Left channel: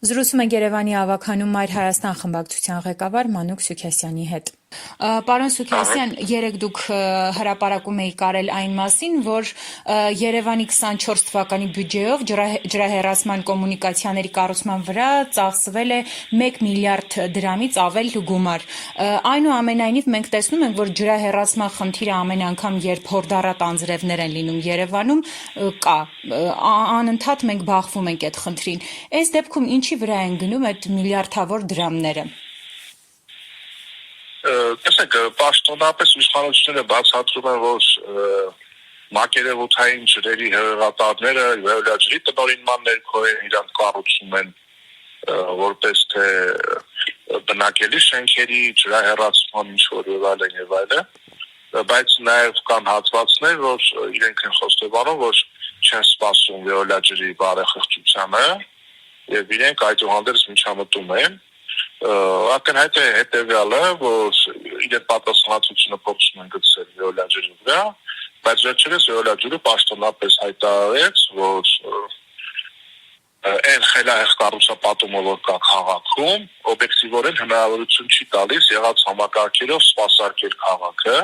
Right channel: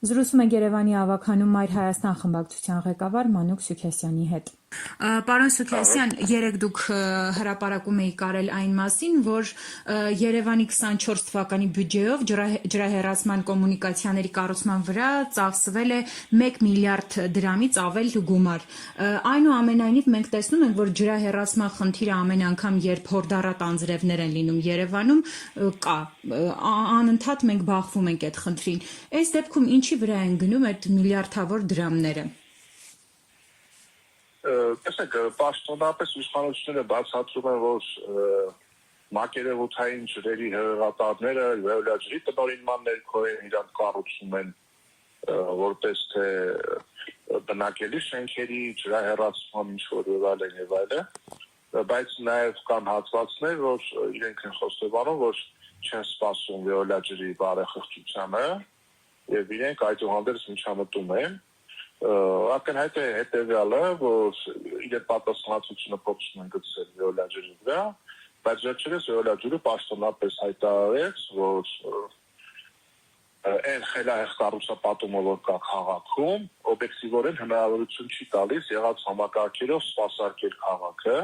Զրուցում ենք Երևանի ավագանում Մայր Հայաստան խմբակցության ղեկավար Մանուկ Սուքեսյանի հետ։ Պարոն Սուքեսյան, երեկ դուք հրապարակում եք արել այն մասին, որ Երևանի 24 թվականի բյուջեով ջրահեռացման կոմունիկացիաների կառուցման վրա ծախսվել է 1 միլիարդ դրամից ավել գումար։ Այնուամենայնիվ մենք տեսնում ենք, որ ջրահեռացման խնդիրը ամեն անգամ, երբ հորդառատ անձրևներ են լինում Երևանում, կա։ Անընդհատ մենք բախվում ենք այդ խնդրին։ Այս դեպքում ինչի վրա են գնում այդ միլիարդավոր դրամները։ Տեսեք, պաշտոնապես իշխանությունները բացատրում են, որ մակերևութային ջրերի հեղեղատարները վերջերի տնօրինման ներքո իրանք կառուցում են որպես թե բնակելի շենքերի ջրահեռացման ինչ-որ եւ այլն, բայց նաեւ կան հատվածներ, որ իրենք են խոստովանում, որ չեն սպասում վերջերի բարեխղճությանը եւ իրենք այդուհանդերձ միջամտում են։ Ակնհայտ է հետևյալը, որ իրեն պատասխանատվությունը փորձում են գցել վիոլաջերի վրա, բայց վերջերս վիոլաջուրը պաշտոնապես հայտարարեց, որ այն խելահեղ կառուցապատումը, որ կա քաղաքում, օբյեկտիվորեն հնարավորություն չի տալիս եղած համակարգերով սպասարկել քաղաքը,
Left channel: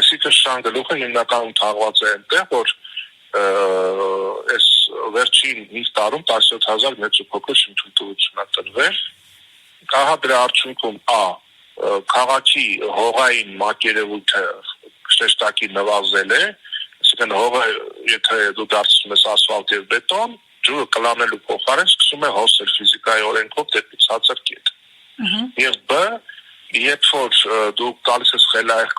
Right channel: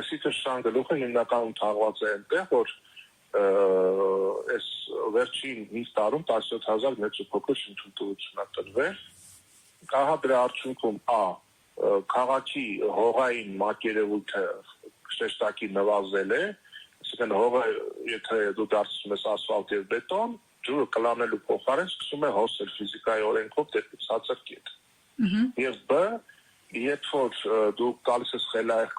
այսինքն շան գլուխը հիմնականում թաղված է այնտեղ, որ այս վերջին 5 տարում 17000 մեծ ու փոքր շինթույլտվություն է տրվել։ Ահա դրա արդյունքում քաղաքի հողային մակերևույթը շեշտակի նվազել է, այսինքն հողը, եթե դու դարձնում ես ասֆալտ եւ բետոն, ջուրը կլանելու փոխարեն սկսում է հոսել ֆիզիկայի օրենքով դեպի ցածր կետ։ Եվ բ, երբ որ դու գալիս ես խելահեղ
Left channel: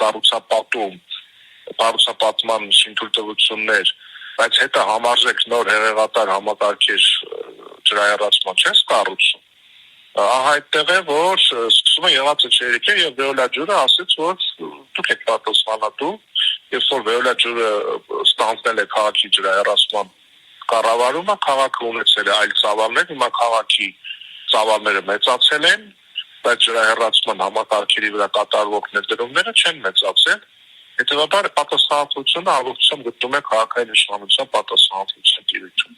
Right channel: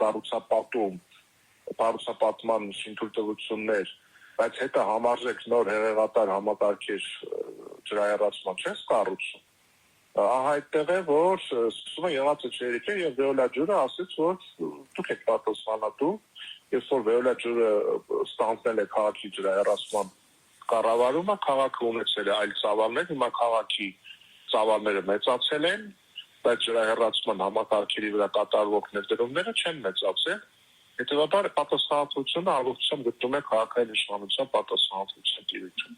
կառուցապատման շինթույլտվություններ, բայց հետո համարժեք նոր հեղեղատար համակարգեր ջրահեռացման չես կառուցում, ահա այդտեղ է, որ սկսում է եղածը չերեկել եւ վիոլաջուրը ասեց, որ դուք եք պատասխանատու, եւ որ վիոլաջուրը ստանձնել է քաղաքի ջրահեռացման կառավարումը, քաղաքը ունեցել է այլ ծավալներ, հիմա քաղաքի ծավալները մեծացել են, բայց ջրահեռացման համակարգերի վրա կատարվող ներդրումները չեն մեծացել։ Հետևաբար պատասխանատվությունը առողջությամբ գտնում է քաղաքային իշխանության պատասխանատվության տիրույթում։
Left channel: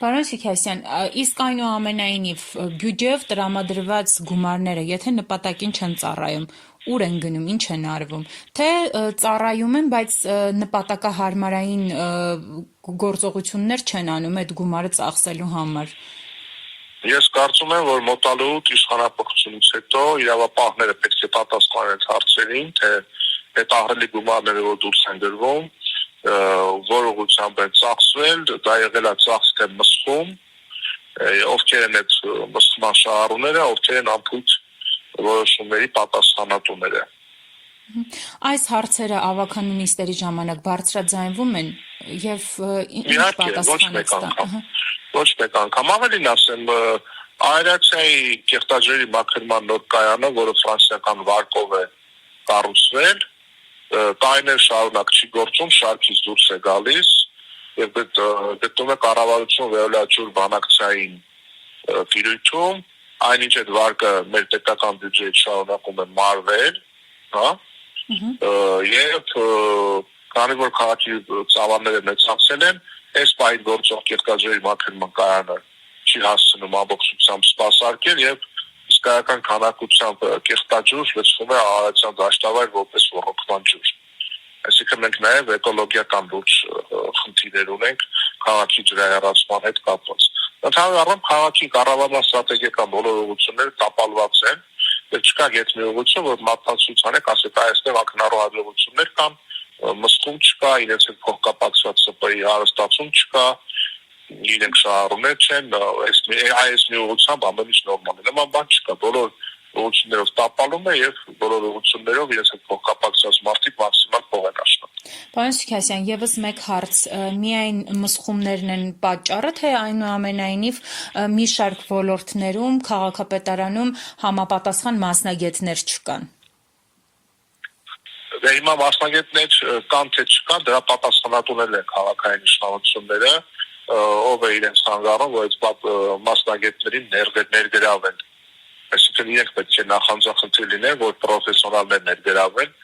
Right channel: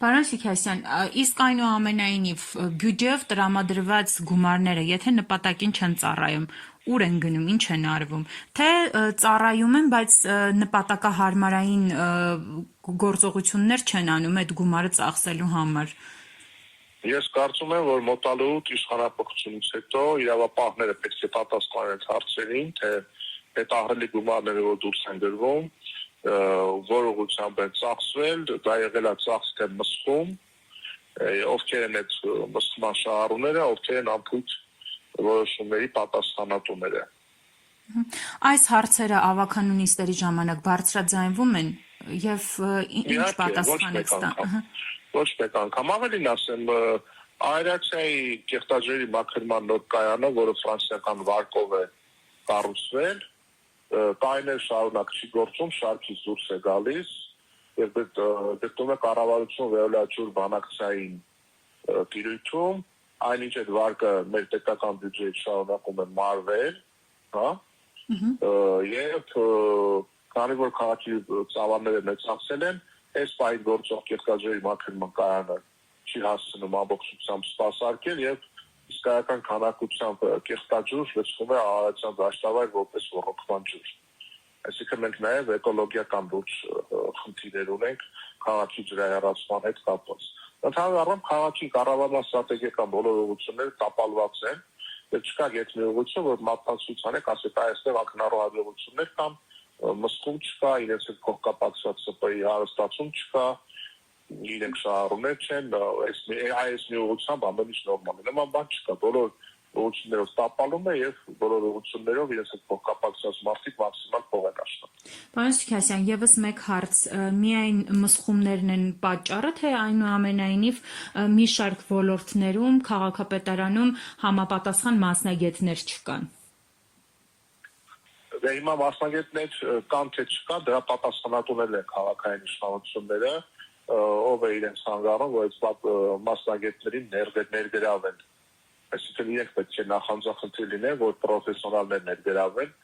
Պարոն Սուքեսյան, իսկ այնուամենայնիվ բյուջեով տրամադրված գումարները, եթե նպատակին չեն ծառայում, ուր են գնում, ինչ են արվում, թե ծառայում են, բայց նպատակահարմարային գործողություններ չեն անում այդ գումարը ծախսելու համար։ Ես կարծում եմ, որ մոտալուտ իշխանապողությունից հետո իրավապահները պետք է պատասխանեն հարցերին, թե այդ ահռելի գումարները, որ դուրս են գրվում, որ ուղղությամբ են ծախսվել, դա եղել է ծախս թե մսխում, ովքեր են այդ մսխման շահառուները, ովքեր են անփույթ որոշումների պատասխանատուները։ Այս հարցերը ավագանու նիստերի ժամանակ բարձրաձայնվում են եւ ինչ պատասխան եք ստանում։ Ոչ մեկ անգամ, ավելին ասեմ, Այրաքսիայի կեղտաջրերի մաքրման նոր կայանը, որը ֆրանսիական վարկով է կառուցվել, տարիներ շարունակ չի գործում, շարքից դուրս է գալիս եւ գտնում է կառավարություն վիոլաջուր բանակցային տիրույթում, այնինչ այդ վարկը մեր պետական բյուջեից շարունակում է մարվել, հա, եւ քանի որ քաղաքի ծավալները մեծացել են, այս պահին գործող կեղտաջրերի մաքրման կայանը չի հասցնում ամբողջությամբ սպասարկել եւ իսկական քանակությամբ կեղտաջուր լցվում է Արարատյան դաշտավայր որպես ոռոգման ջուր։ Այսինքն մենք նաեւ էկոլոգիական լուրջ խնդիրներ ունենք քաղաքի ջրահեռացման հետ կապված։ Ընդհանուր առմամբ քաղաքի կառավարման ստրատեգիական բոլոր ուղղությունները տապալված են, եւ չկա գետ մի ուղղություն, որ մատնացության եք ասեք այստեղ ակնառու հաջողություններ կան, մսխում չկա, իրենց հետ փոխկապակցված ՍՊ-ի հարստացում չկա, իրենք շահառուներ չեն, այս մի ուղղությամբ ամեն ինչ նորմալ է։ Նման բան չկա, բոլոր ուղղություններով տապալում է եւ բոլոր ուղղություններով իրենց հետ փոխկապակցված մարդիկ մաքսիմալ փող են աշխատում։ Պարոն Սուքեսյան, եւս մեկ հարց, միայն մսխումներն են պատճառը, թե այնուամենայնիվ մի շարք ոլորտներում, քաղաքապետարանում համապատասխան մասնագետներ չկան։ Հիմա մասնագետներ կան թե չկան, դրա պատասխանատուներն են քաղաքային իշխանությունները, ով է իրենց հանգարում, որ այդ մասնագետներին ներգրավեն։ Այսինքն իրենք պետք է նախանձախնդիր լինեն, որ պրոֆեսիոնալներ ներգրավեն,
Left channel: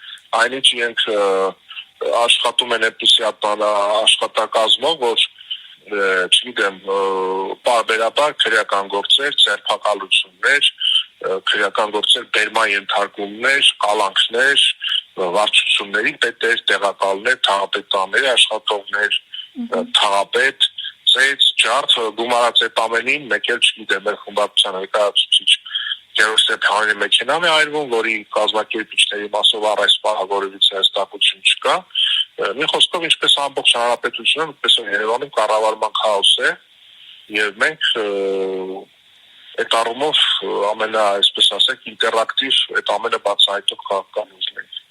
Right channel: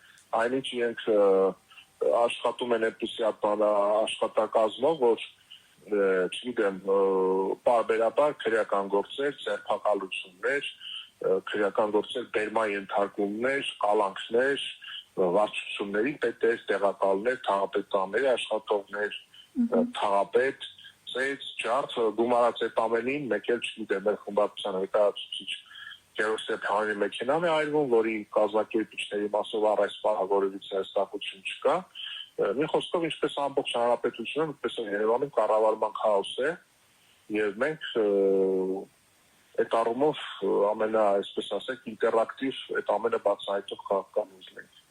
այնինչ իրենք աշխատում են այնպիսի աշխատակազմով, որ չգիտեմ, պարբերաբար քրեական գործեր, ձերբակալություններ, քրեական գործեր, բերման ենթարկումներ, կալանքներ, վարչությունների պետեր, տեղակալներ, թաղապետաների աշխատողներ, թաղապետ, ծեծ, ջարդ, գումարած այդ ամենին, մեկ էլ չգիտեմ, մեր խմբակցության ներկայացուցիչ Գերորգ Ստեփանյանի մեքենան է այրվում, որի կազմակերպիչների մասով առ այս պահը որևիցե հստակություն չկա։ Մի խոսքով, ինչպես ամբողջ հանրապետությունը, այդպես էլ Երևանում կառավարման քաոս է, եւ մենք այդ առումով այսպես ասենք, ինտերակտիվ այդ ամենը բացահայտող քաղաքական ուժ ենք։